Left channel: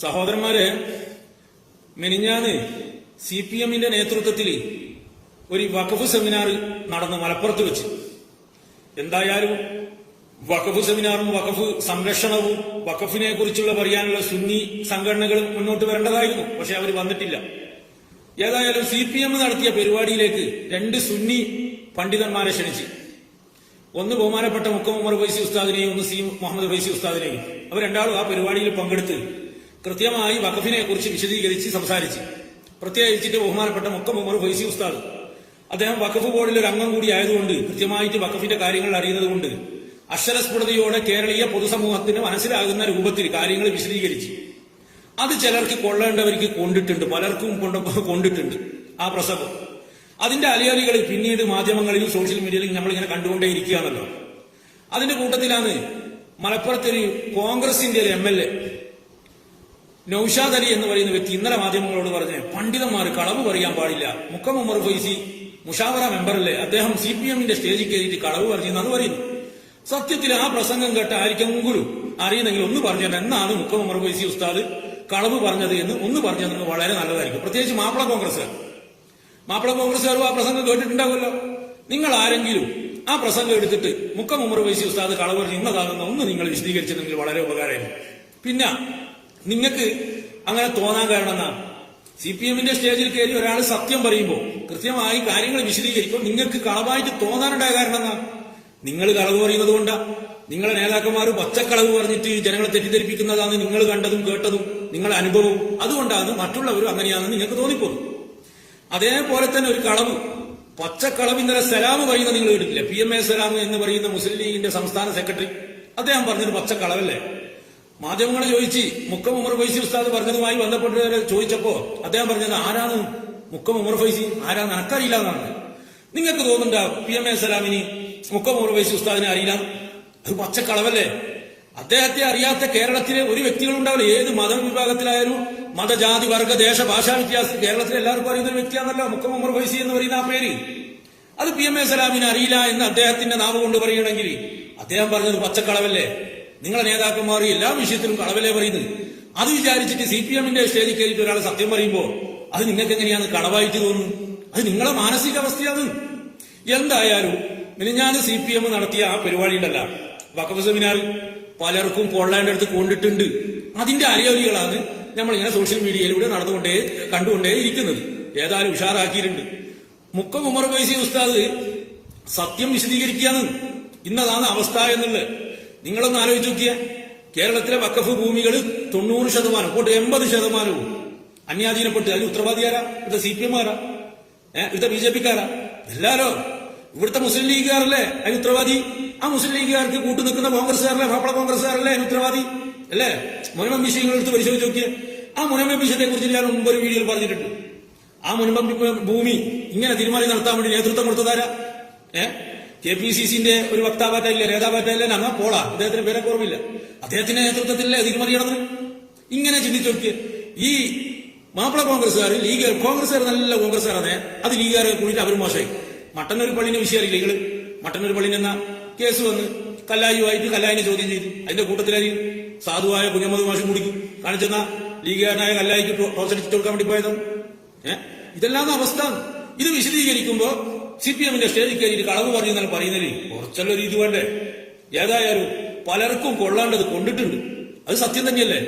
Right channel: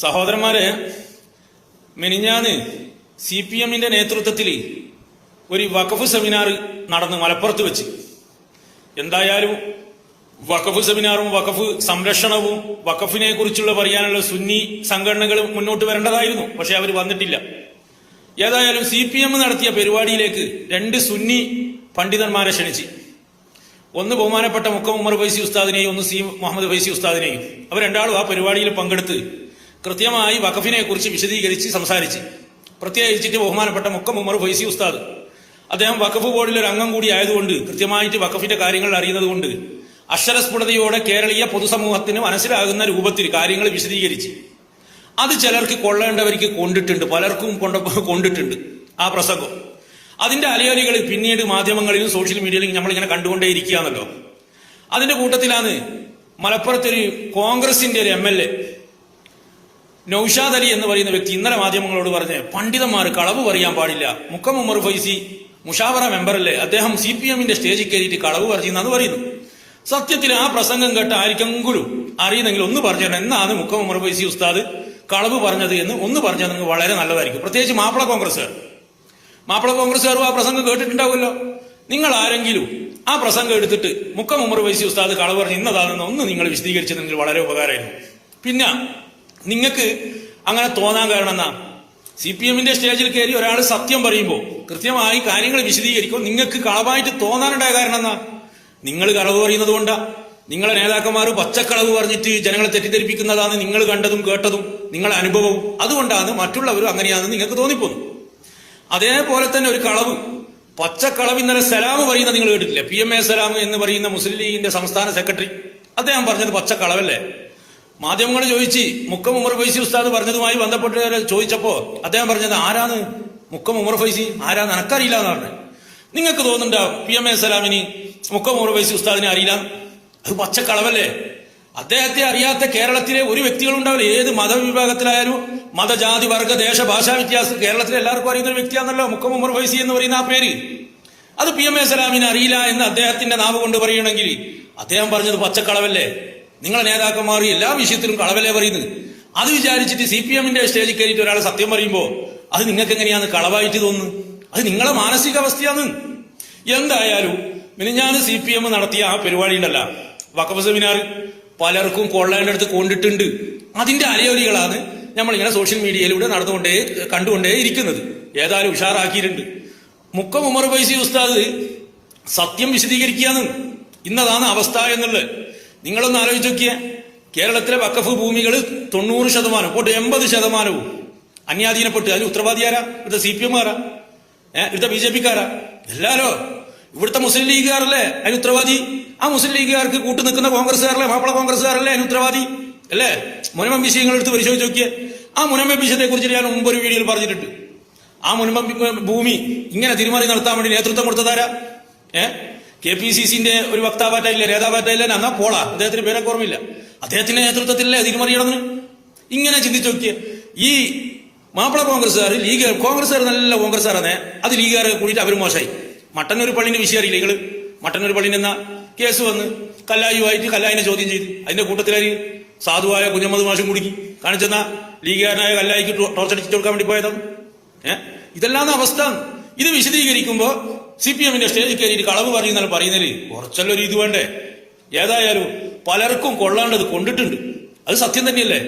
സഹോദരന്മാരെ, മിനിഞ്ഞാന്ന് CPM-ന്റെ നേതൃത്വത്തിൽ ഒരു വഖഫ് സെമിനാർ നടന്നു മലപ്പുറത്ത് വെച്ച്. എന്തായാലും വഖഫ് സെമിനാറും വഖഫ് സംരക്ഷണവും വഖഫിനെ കുറിച്ചുള്ള പറയാനുള്ള സുന്നി സംഘടനകൾ മുന്നോട്ട് വരേണ്ടതായിരുന്നു. പക്ഷെ അവർ വന്നിട്ടില്ല. ഏതായാലും CPM നടത്തിയ പരിപാടിയിലേക്ക് രണ്ട് സുന്നി പണ്ഡിതന്മാരെ ക്ഷണിച്ച്. ഒന്ന് ബഹുമാനപ്പെട്ട മുക്കം ഉമർ ഫൈസി ഉസ്താദിനെയും ഒന്ന് C മുഹമ്മദ് ഫൈസി ഉസ്താദിനെയും. അവർ രണ്ടാളും ആ പരിപാടിയിൽ പങ്കെടുത്ത് കൃത്യമായി വഖഫിനെ കുറിച്ച് വിശദീകരിച്ച് സംസാരിച്ച്. പ്രത്യേകിച്ചിട്ട് ബഹുമാനപ്പെട്ട മുക്കം ഉമർ ഫൈസി ഉസ്താദ് അദ്ദേഹം വഖഫ് ബോർഡിൽ ഒരു അംഗം കൂടി ആയതുകൊണ്ട് കൃത്യമായിട്ട് വഖഫിന്റെ കാര്യങ്ങൾ അറിയുന്നത് കൊണ്ട് അക്ഷരസ്ഫുടതയോടെ കേരളീയ പൊതുസമൂഹത്തിന് മനസ്സിലാകുന്ന രൂപത്തിൽ കാര്യങ്ങൾ വിശദീകരിച്ച്. അത് ചിലർക്ക് കൊള്ളേണ്ടവർക്ക് കൊണ്ടിട്ടുണ്ട്, പലർക്കും കൊണ്ടിട്ടുണ്ട് ആ പ്രസംഗം. അതിന്റെ അലയൊലികൾ പിന്നീട് മാധ്യമങ്ങളിലും സോഷ്യൽ മീഡിയയിലും നമ്മളിങ്ങനെ കണ്ടുകൊണ്ടേയിരിക്കുകയാണല്ലോ. അതിന്റെ കൂട്ടത്തിലാണ് മലപ്പുറത്തൊരു കോൺഗ്രസിന്റെ ഒരു MLA നൌഷാദ് അലി എന്ന് പറയുന്ന വ്യക്തി ഇന്നലെ മാധ്യമങ്ങളോട് പറഞ്ഞ് പണ്ഡിതന്മാർ കളവ് പറയാൻ പാടില്ല, മുക്കം ഉമർ ഫൈസി മുഷാവറ മെമ്പറല്ലേ, അദ്ദേഹം CPM-ന്റെ സ്റ്റേജിൽ കയറിയിട്ട് കളവ് പറഞ്ഞെന്ന് പറയുന്നു. സത്യത്തിൽ ആ പ്രസംഗം കേട്ട ആർക്കെങ്കിലും അറിയുന്നെങ്കിൽ ഒന്ന് പറഞ്ഞു തരണം, എന്നാണ് മുക്കം ഉമർ ഫൈസി ഉസ്താദ് കളവ് പറഞ്ഞത് എന്ന് ഒന്ന് പറഞ്ഞാൽ നിങ്ങൾക്ക് വളരെ നല്ലതായിരിക്കും. പ്രത്യേകിച്ച് മാപ്പിള കോൺഗ്രസ്സുകാരും ആ പ്രസംഗം കേട്ടിട്ടുണ്ടാവുമല്ലോ. നിങ്ങൾ ആരെങ്കിലും ആ പ്രസംഗം എടുത്തിട്ട് മുക്കം ഉമർ ഫൈസി ഉസ്താദ് കളവ് പറഞ്ഞ് ഇന്നതാണെന്ന് ഒന്ന് നിങ്ങൾ വിശദീകരിച്ചതെങ്കിൽ വളരെ ഉപകാരമായിരുന്നു. പിന്നെ നിങ്ങൾക്ക് അങ്ങനെ തോന്നാൻ കാരണം എന്നാ, CPM-ന്റെ സ്റ്റേജിൽ കയറി ഒരാൾ സത്യം പറയുമ്പോൾ കൃത്യമായി കാര്യങ്ങൾ വിശദീകരിക്കും. നിങ്ങൾക്ക് കളവായിട്ട് തോന്നാനുണ്ടായ കാരണം എന്നാ, നിങ്ങൾ കളവ് പറയുന്നത് കൊണ്ടാ. നിങ്ങളെ നേതാക്കന്മാർ പച്ചക്കളവ് പറഞ്ഞിട്ട് ജനങ്ങളെ തെറ്റിദ്ധരിപ്പിക്കുന്നതാണ് നിങ്ങൾ കണ്ടതും കേട്ടതും നിങ്ങളെ അനുഭവവും. അതുകൊണ്ടാണ് മറ്റുള്ളവരും അങ്ങനെയാണെന്ന് നിങ്ങൾക്ക് തോന്നിപ്പോകും. അതേപോലെ തന്നെ ഒരു കളവ്, പച്ചക്കളവ്. ഇന്നലെ സലാം പറയുന്ന നിങ്ങൾ കേട്ടിട്ടില്ല? PMA സലാം എന്ന് പറയുന്ന മുസ്ലിം ലീഗിന്റെ സംസ്ഥാന സെക്രട്ടറി, അദ്ദേഹം പറഞ്ഞത് പച്ചക്കളവല്ലേ. മാധ്യമങ്ങൾ ചോദിച്ച് മുക്കം ഉമർ ഫൈസി ഉസ്താദ് പറഞ്ഞതുമായി ബന്ധപ്പെട്ട് ചോദിച്ചപ്പോ അദ്ദേഹം പറഞ്ഞത് ആരാണ് മുക്കം ഉമർ ഫൈസി, ആരാന്ന് എനക്കറിയില്ല എന്നാണ്. നിങ്ങൾക്ക് തോന്നുന്നുണ്ടോ PMA സലാമിന് മുക്കം ഉമർ ഫൈസി ഉസ്താദിനെ അറിയില്ല? അത് പച്ചക്കളവല്ലേ. അദ്ദേഹത്തെ അറിയാത്ത കേരളത്തിലെ ഒരു വ്യക്തികളുണ്ടാവില്ല. ഏത് മതവിഭാഗത്തിലായാലും മതജാതി വർഗ ദേശ ഭാഷാ വ്യത്യാസം കേരളത്തിലെ എല്ലാവർക്കും അറിയുന്ന ഒരു വ്യക്തിയാണല്ലോ മുക്കം ഉമർ ഫൈസി എന്ന് പറയുന്ന ആ പേര്. അത് PMA സലാമിനെ അറിയില്ല എന്ന് അദ്ദേഹത്തിന്റെ നാവ് കൊണ്ട് പറയണമെങ്കിൽ അദ്ദേഹം പറഞ്ഞത് പച്ചക്കളവല്ലേ. നിങ്ങളെ നേതാക്കന്മാർ എല്ലാ വിഷയത്തിലും കളവല്ലേ പറയുന്നത്. അത് വിചാരിച്ചിട്ട് CPM-ന്റെ സ്റ്റേജിൽ കയറിയിട്ട് ഒരാൾ സത്യം പറയുമ്പോൾ അത് നിങ്ങൾക്ക് എങ്ങനെയാണ് കളവായിട്ട് തോന്നുന്നത്? അത് നിങ്ങളെ മാനസികാവസ്ഥയാണ്. എന്തായാലും മിനിഞ്ഞാന്ന് CPM നടത്തിയ ആ പരിപാടിയിലല്ല വഖഫ് സെമിനാർ പലർക്കും കൊള്ളേണ്ട അടുത്ത് കൊണ്ടിട്ടുണ്ട്. അതിന്റെ അലയൊലികളാണ് നമ്മളിങ്ങനെ സോഷ്യൽ മീഡിയയിലൂടെ കണ്ടുകൊണ്ടേ ഇരിക്കുന്നത്. ഏതായാലും ഉഷാറാക്കിയിട്ടുണ്ട്. മുക്കം ഉമർ ഫൈസി ഉസ്താദ് സത്യം വിശദീകരിക്കുകയാണ്. ഇന്നതാണ് അവസ്ഥ എന്നുള്ളത്. നിങ്ങളൊന്ന് ആലോചിച്ച് നോക്കിയേ. കേരളത്തിലെ വഖഫ് ഭൂമികൾ 90% പോട്ട് 80% അന്യാധീനപ്പെട്ട്. അതിന് ഉത്തരവാദിയാരാ? ഇവിടുത്തെ CPM-കാരാ? ഇവിടുത്തെ BJP-കാരാ? എല്ലാരോ ഇവിടുത്തെ മുസ്ലിം ലീഗുകാരല്ലേ അതിന് ഉത്തരവാദി? ആ മുസ്ലിം ലീഗുകാർക്ക് കൂട്ടു നിൽക്കുന്ന കോൺഗ്രസ്സുകാരല്ലേ, മാപ്പിള കോൺഗ്രസ്സുകാരല്ലേ അതിന് ഉത്തരവാദി അല്ലേ? മുനമ്പം വിഷയങ്ങൾ എടുത്ത് പരിശോധിച്ച് നോക്കിയേ. ആ മുനമ്പം വിഷയത്തെ കുറിച്ച് ഞാൻ മുമ്പ് ഒരു വീഡിയോയിൽ പറഞ്ഞിട്ടുണ്ട്. ആ മുനമ്പം ഭൂമി ഇങ്ങനെ തിരുമറി നടത്താൻ വേണ്ടി നേതൃത്വം കൊടുത്തതാരാ? KPCC-ന്റെ ഒരു വക്താവായിട്ടില്ല, നേതാവായിട്ടില്ല, എന്നാ പോളാ, അദ്ദേഹത്തിന് പേരൊക്കെ ഓർമ്മയില്ല. അദ്ദേഹത്തിന്റെ നേതൃത്വത്തിലല്ലേ തിരുമറി നടന്ന്. ഇങ്ങനെ ചിന്തിച്ചു നോക്കിയേ. ഈ മാപ്പിള കോൺഗ്രസ്സുകാർ ലീഗ് കോൺഗ്രസ്സുകാർ നല്ല കോൺഗ്രസ്സുകാരാണ്, അത് ലീഗുകാരെ കൂടിയിട്ട് അവർ മോശമായി. മട്ടന്നൂർ പള്ളിന്റെ വിഷയം അറിയില്ല നിങ്ങൾ? മട്ടന്നൂർ പള്ളിന്റെ എന്നാ കേസ് വന്ന് കല്ലായുമായിട്ട് കല്ലായിനെ ചോദ്യം ചെയ്തു. അതിന്റെ കൂട്ടത്തിലായി സാധുവായ കുഞ്ഞമ്മദ് മാഷും കുടുക്കി കാണിച്ചെന്ന ലീഗുകാരനായ കല്ലായിക്ക് ടോർച്ചടിച്ചു കൊടുക്കാൻ വേണ്ടി പോയതാണ്. ഇതെല്ലാം അവസ്ഥ. ഇത് വിശദീകരിക്കുമ്പോ CPM-ന്റെ സ്റ്റേജിൽ കയറിയിട്ട് കളവ് പറയുന്നതിന് പറയുന്നതിൽ കുറച്ചല്ലോ ഒരു ഇത് വേണ്ടേ? ഏതായാലും പലർക്കും കൊള്ളേണ്ടത് കൊണ്ടിട്ടുണ്ട്. അത് സത്യം തന്നെയല്ലേ?